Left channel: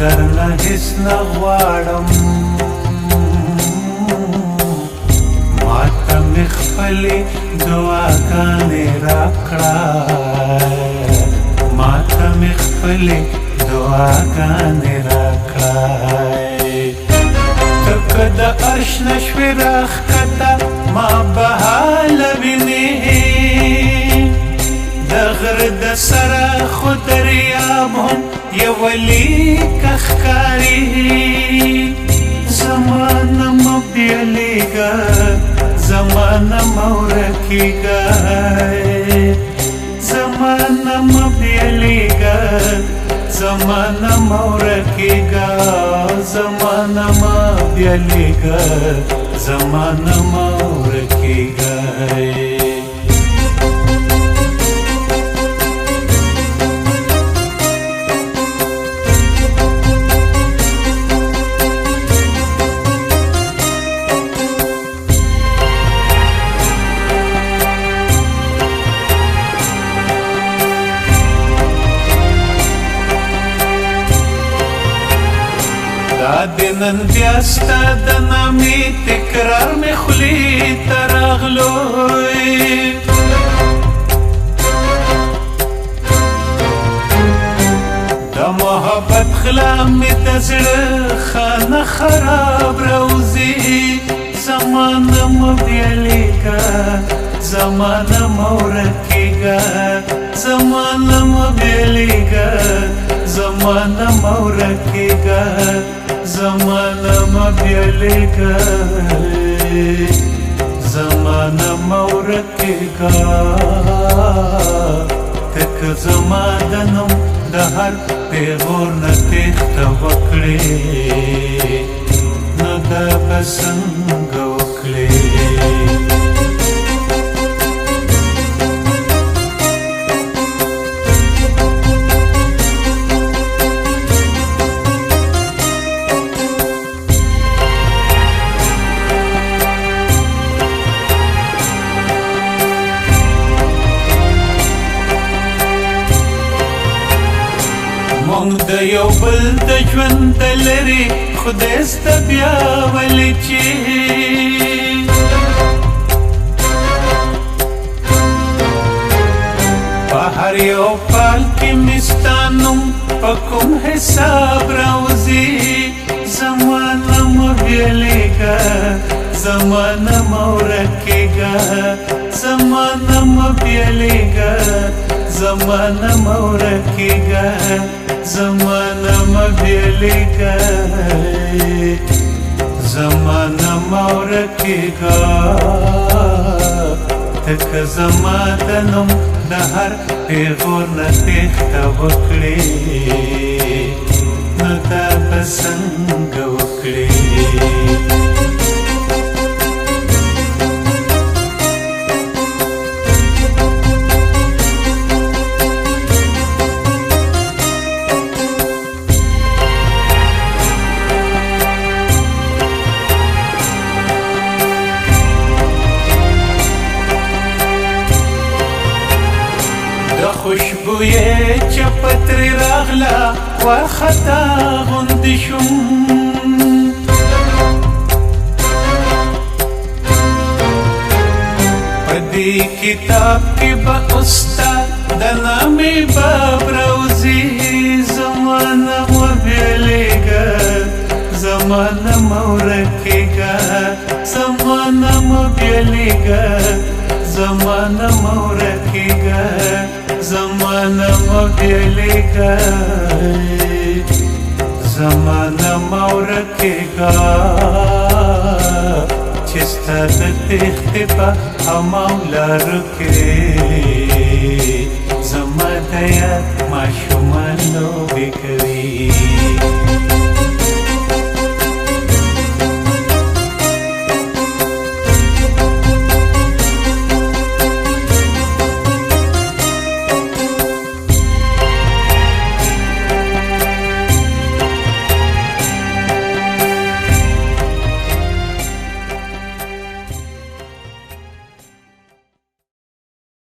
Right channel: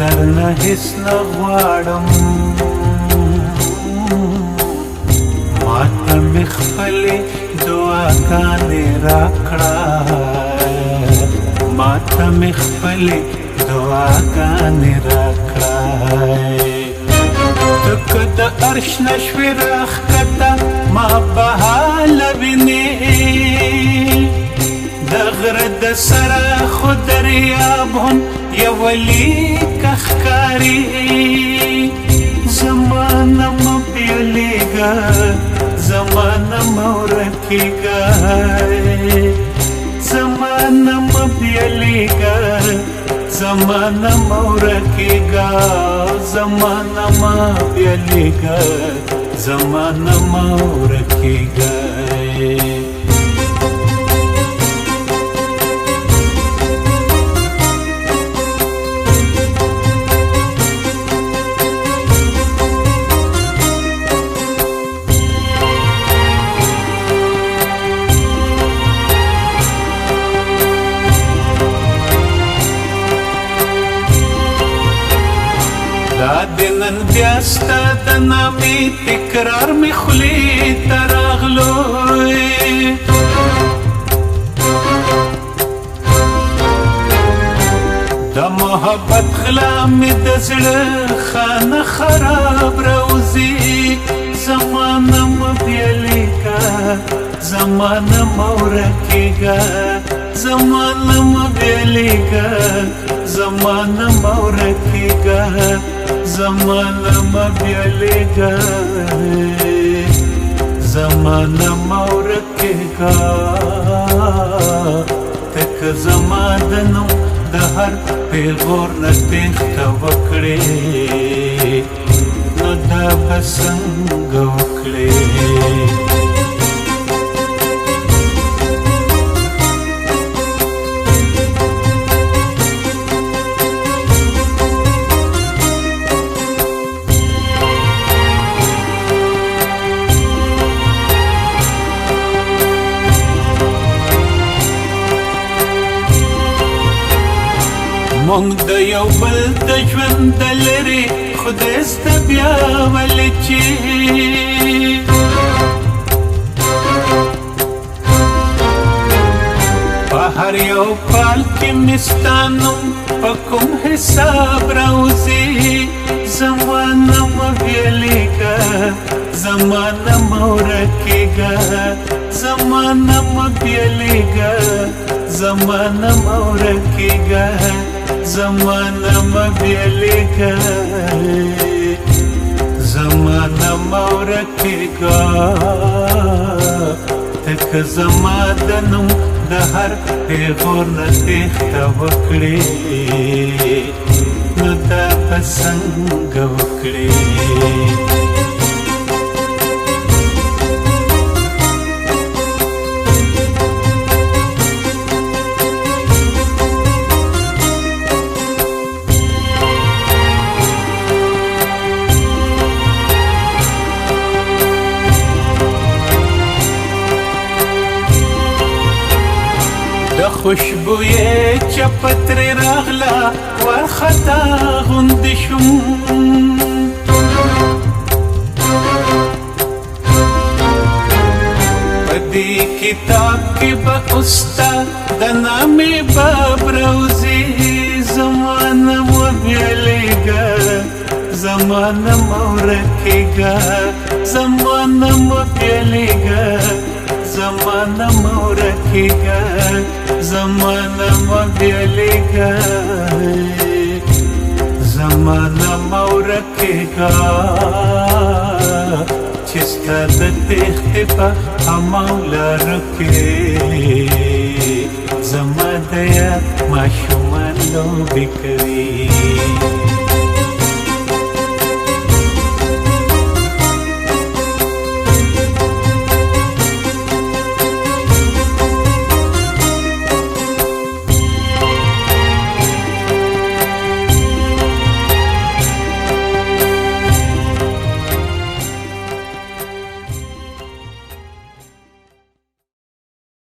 درنه هیڅ نه غواړم ماته مې خپلې دعاګانې راکړه ماته مې خپلې دعاګانې راکړه ته که د عرش نه شوې راښکته ما به حاله وینې د غره د سره خو دریاب هم یوه لیکه ښکاري زمانه مه بیلیږه زمانه مه ورکېږه زمانه مه بیلیږه زمانه مه ورکېږه زمانه مه بیلیږه زمانه مه ورکېږه د نن بیا ستا د نامې تکرار مې خولې ته راغلوی د محبت غلا مې د زړه خانه خراب روزي زمانه مه بیلیږه زمانه مه ورکېږه زمانه مه بیلیږه زمانه مه ورکېږه زمانه مه بیلیږه زمانه مه ورکېږه ته که زما د نوم د هر پیغور نه تېښته وکړې نو دا به څنګه وکړې مونږ د یو بل د ژوند د لرې خدای سته بیا ولې چې په هر یو پال کې مې ستا نوم په کوم حساب راوځي زمانه مه بیلیږه زمانه مه ورکېږه زمانه مه بیلیږه زمانه مه ورکېږه زمانه مه بیلیږه زمانه مه ورکېږه ته که زما د نوم د هر پیغور نه تېښته وکړې نو دا به څنګه وکړې خوشبویه چپه ترې راغله وارخطا غوندې شوم په دې کتاب کې به اوس ستا د نامې باب راوځي زمانه مه بیلیږه زمانه مه ورکېږه زمانه مه بیلیږه زمانه مه ورکېږه زمانه مه بیلیږه زمانه مه ورکېږه چې ستا د تېښتې په هماو لارو کې زما د یاد ماشومان لوبې کوي